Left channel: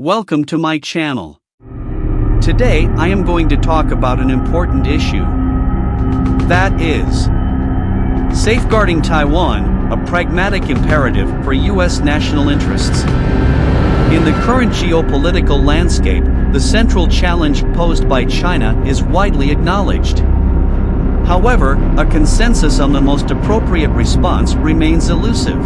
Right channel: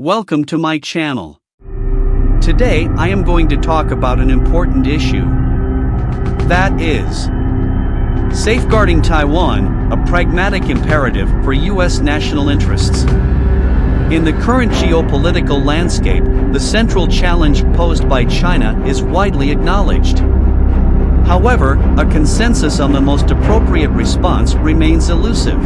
Welcome to my channel. Today I am going to talk about an important issue. That is safeguarding Taiwan, a pragmatic imperative for U.S. national interests. In the current geopolitical landscape, the central challenge posed by China is widely acknowledged. However, a consensus on the most appropriate response remains elusive.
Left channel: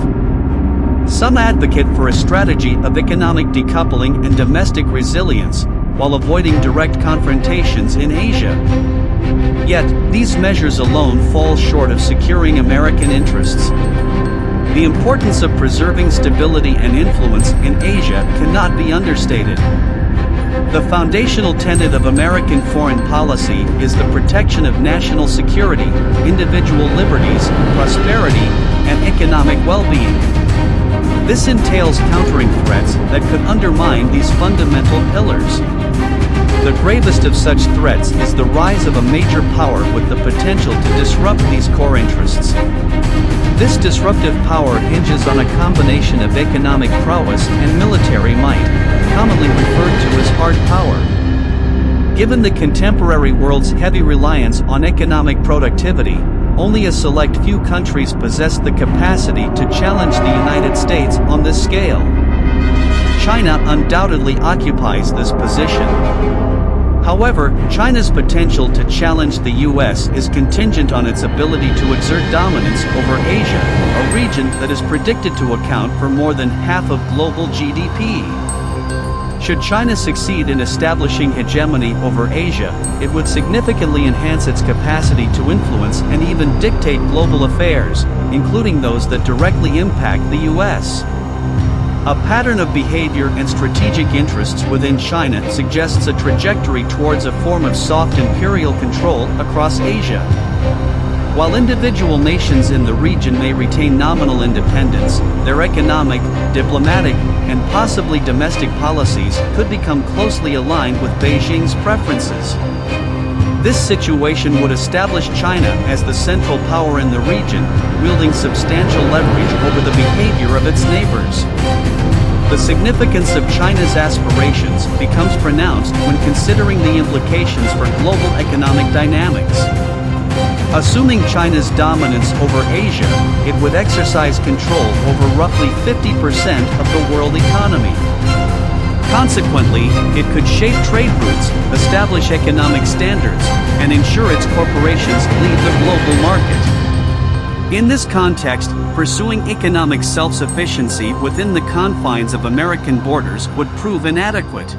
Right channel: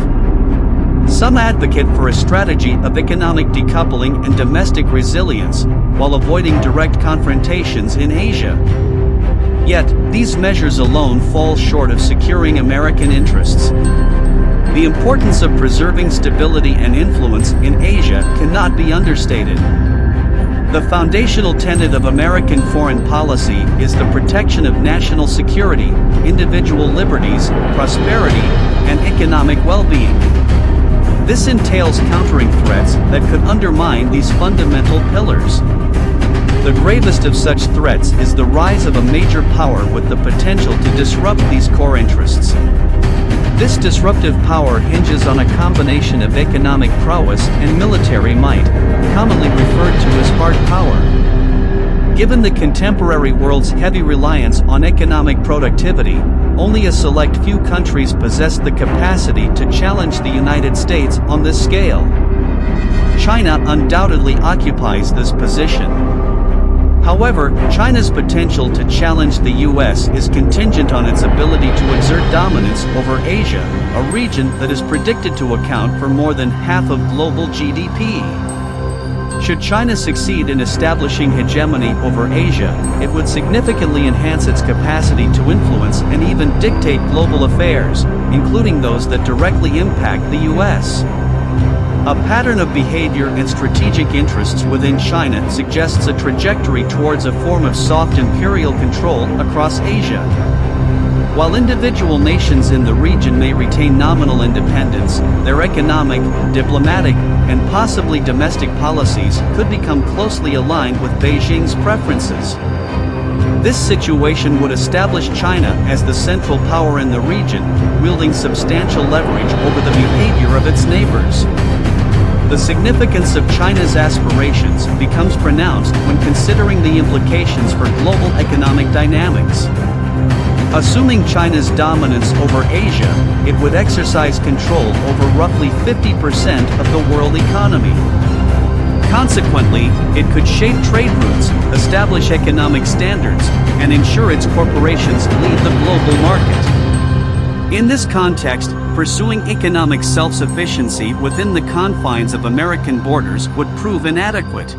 Some advocate for a strategy of economic decoupling and domestic resilience, while avoiding direct confrontations in Asia. Yet, these measures alone fall short of securing American interests. The importance of preserving stability and influence in Asia cannot be understated. The foundational tenet of American foreign policy is the protection of national security, individual liberties, prosperity, and economic well-being. This entails countering threats that could undermine these fundamental pillars. The gravest of such threats is the rise of a major power with the potential to disrupt these core interests. This disruptive power hinges on a combination of economic prowess and military might, commonly referred to as hard power. Given the contemporary world's heavy reliance on economic productivity, only a select few countries possess the capacity to challenge the United States on this scale. China undoubtedly occupies this position. However, China's potential to challenge the U.S. is contingent on its ability to exert dominance over Asia, a region that is predicted to account for more than half of global GDP. Should China succeed in establishing hegemony over Asia, it would significantly enhance its capacity to influence and even dictate global affairs, including those that directly impact the U.S. A pattern of behavior and strategic interests within China suggests a trajectory towards a form of soft imperial control across Asia. While individual nations in the region may retain nominal independence, their economic, diplomatic, and possibly domestic policies could become closely aligned with Beijing's preferences. This situation would establish China as the central power in the region, wielding substantial leverage over the behavior of its neighbors. The significance of China's aspirations becomes pronounced when considering the implications for global economic dynamics. Assuming China's dominance over Asia, it would exercise control over roughly 50% of the world economy. Consequently, it could shape trade routes, establish economic standards, and ensure its corporations lead the global market. In this context, pursuing economic self-sufficiency within the confines of American borders would prove inadequate.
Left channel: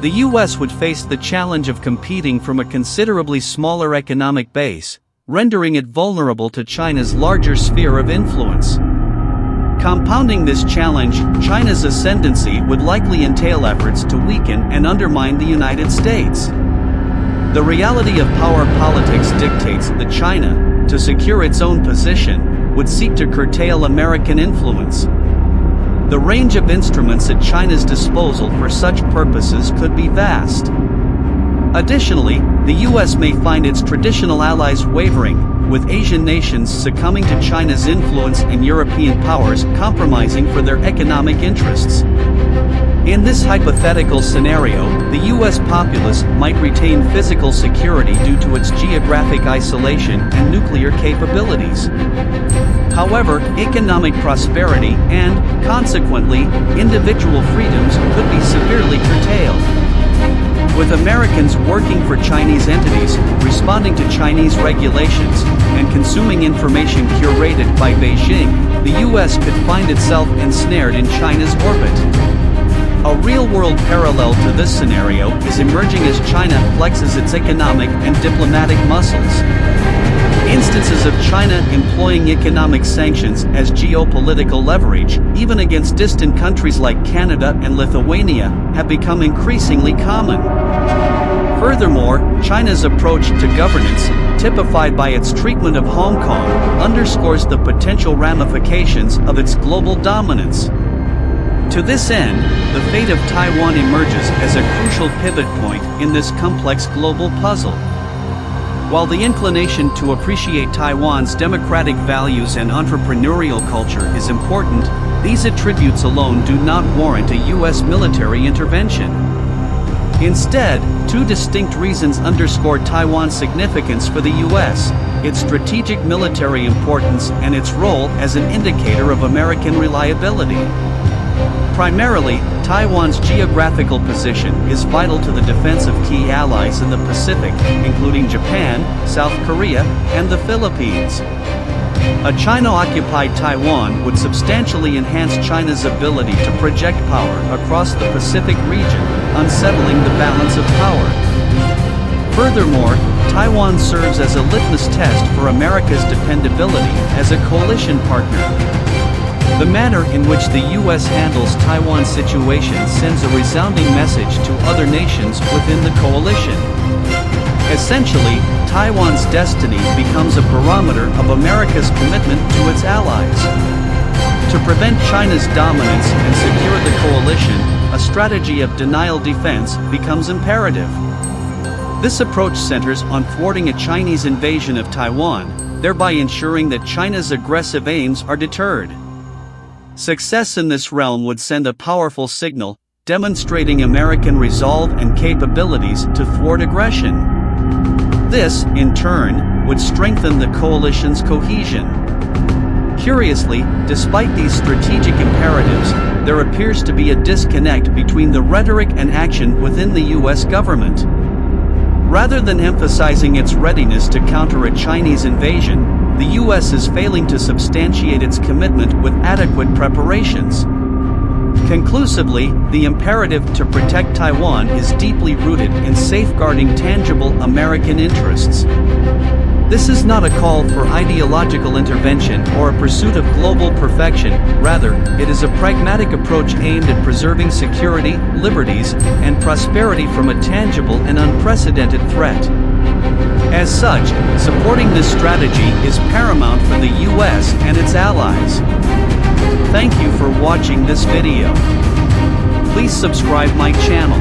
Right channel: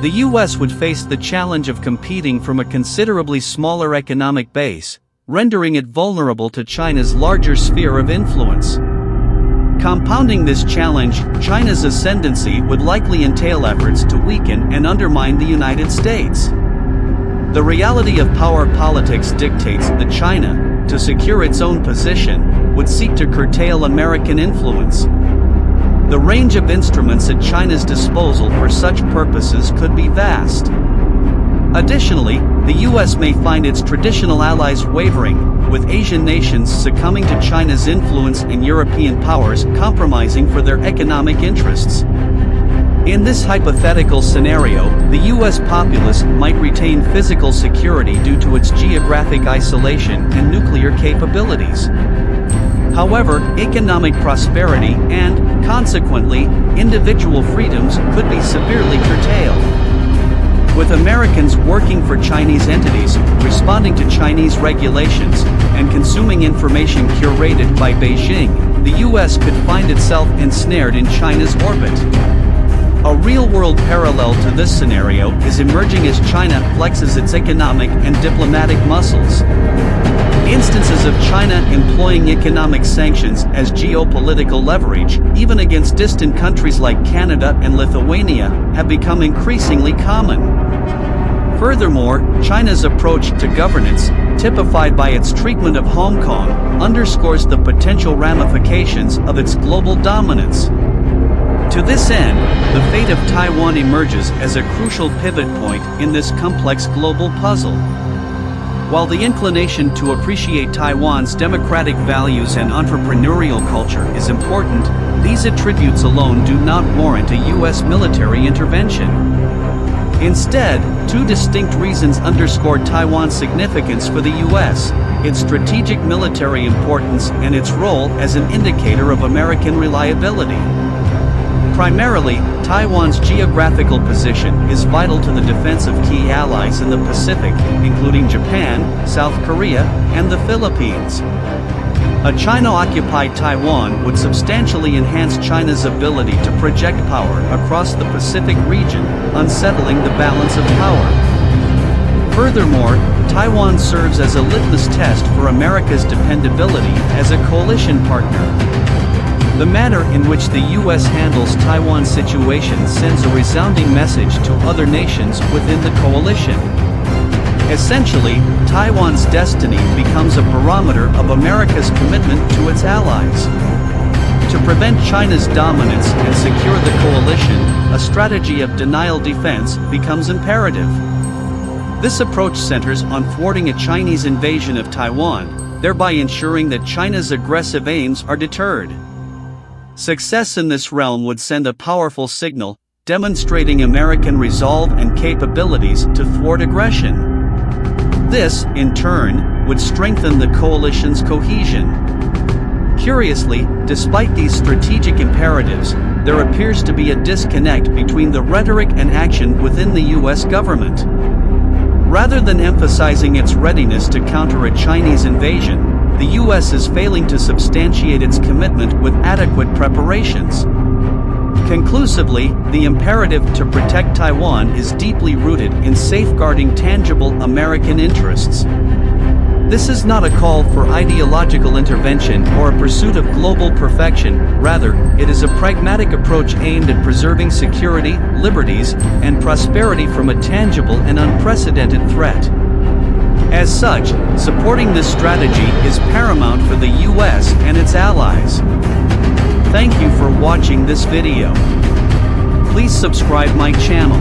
The U.S. would face the challenge of competing from a considerably smaller economic base, rendering it vulnerable to China's larger sphere of influence. Compounding this challenge, China's ascendancy would likely entail efforts to weaken and undermine the United States. The reality of power politics dictates that China, to secure its own position, would seek to curtail American influence. The range of instruments at China's disposal for such purposes could be vast. Additionally, the U.S. may find its traditional allies wavering, with Asian nations succumbing to China's influence and European powers compromising for their economic interests. In this hypothetical scenario, the U.S. populace might retain physical security due to its geographic isolation and nuclear capabilities. However, economic prosperity and, consequently, individual freedoms could be severely curtailed. With Americans working for Chinese entities, responding to Chinese regulations, and consuming information curated by Beijing, the U.S. could find itself ensnared in China's orbit. A real-world parallel to this scenario is emerging as China flexes its economic and diplomatic muscles. Instances of China employing economic sanctions as geopolitical leverage, even against distant countries like Canada and Lithuania, have become increasingly common. Furthermore, China's approach to governance, typified by its treatment of Hong Kong, underscores the potential ramifications of its global dominance. To this end, the fate of Taiwan emerges as a crucial pivot point in this complex global puzzle. While the inclination to appreciate Taiwan's democratic values and entrepreneurial culture is important, these attributes alone do not warrant a U.S. military intervention. Instead, two distinct reasons underscore Taiwan's significance for the U.S., its strategic military importance and its role as an indicator of American reliability. Primarily, Taiwan's geographical position is vital to the defense of key allies in the Pacific, including Japan, South Korea, and the Philippines. A China-occupied Taiwan would substantially enhance China's ability to project power across the Pacific region, unsettling the balance of power. Furthermore, Taiwan serves as a litmus test for America's dependability as a coalition partner. The manner in which the U.S. handles Taiwan's situation sends a resounding message to other nations within the coalition. Essentially, Taiwan's destiny becomes a barometer of America's commitment to its allies. To prevent China's dominance and secure the coalition, a strategy of denial defense becomes imperative. This approach centers on thwarting a Chinese invasion of Taiwan, thereby ensuring that China's aggressive aims are deterred. Success in this realm would send a powerful signal, demonstrating American resolve and capabilities to thwart aggression. This, in turn, would strengthen the coalition's cohesion. Curiously, despite these strategic imperatives, there appears to be a disconnect between the rhetoric and action within the U.S. government. Rather than emphasizing its readiness to counter a Chinese invasion, the U.S. is failing to substantiate its commitment with adequate preparations. Conclusively, the imperative to protect Taiwan is deeply rooted in safeguarding tangible American interests. This is not a call for ideological intervention or a pursuit of global perfection, rather, it is a pragmatic approach aimed at preserving security, liberties, and prosperity from a tangible and unprecedented threat. As such, supporting this strategy is paramount for the U.S. and its allies. Thank you for watching this video. Please subscribe my channel.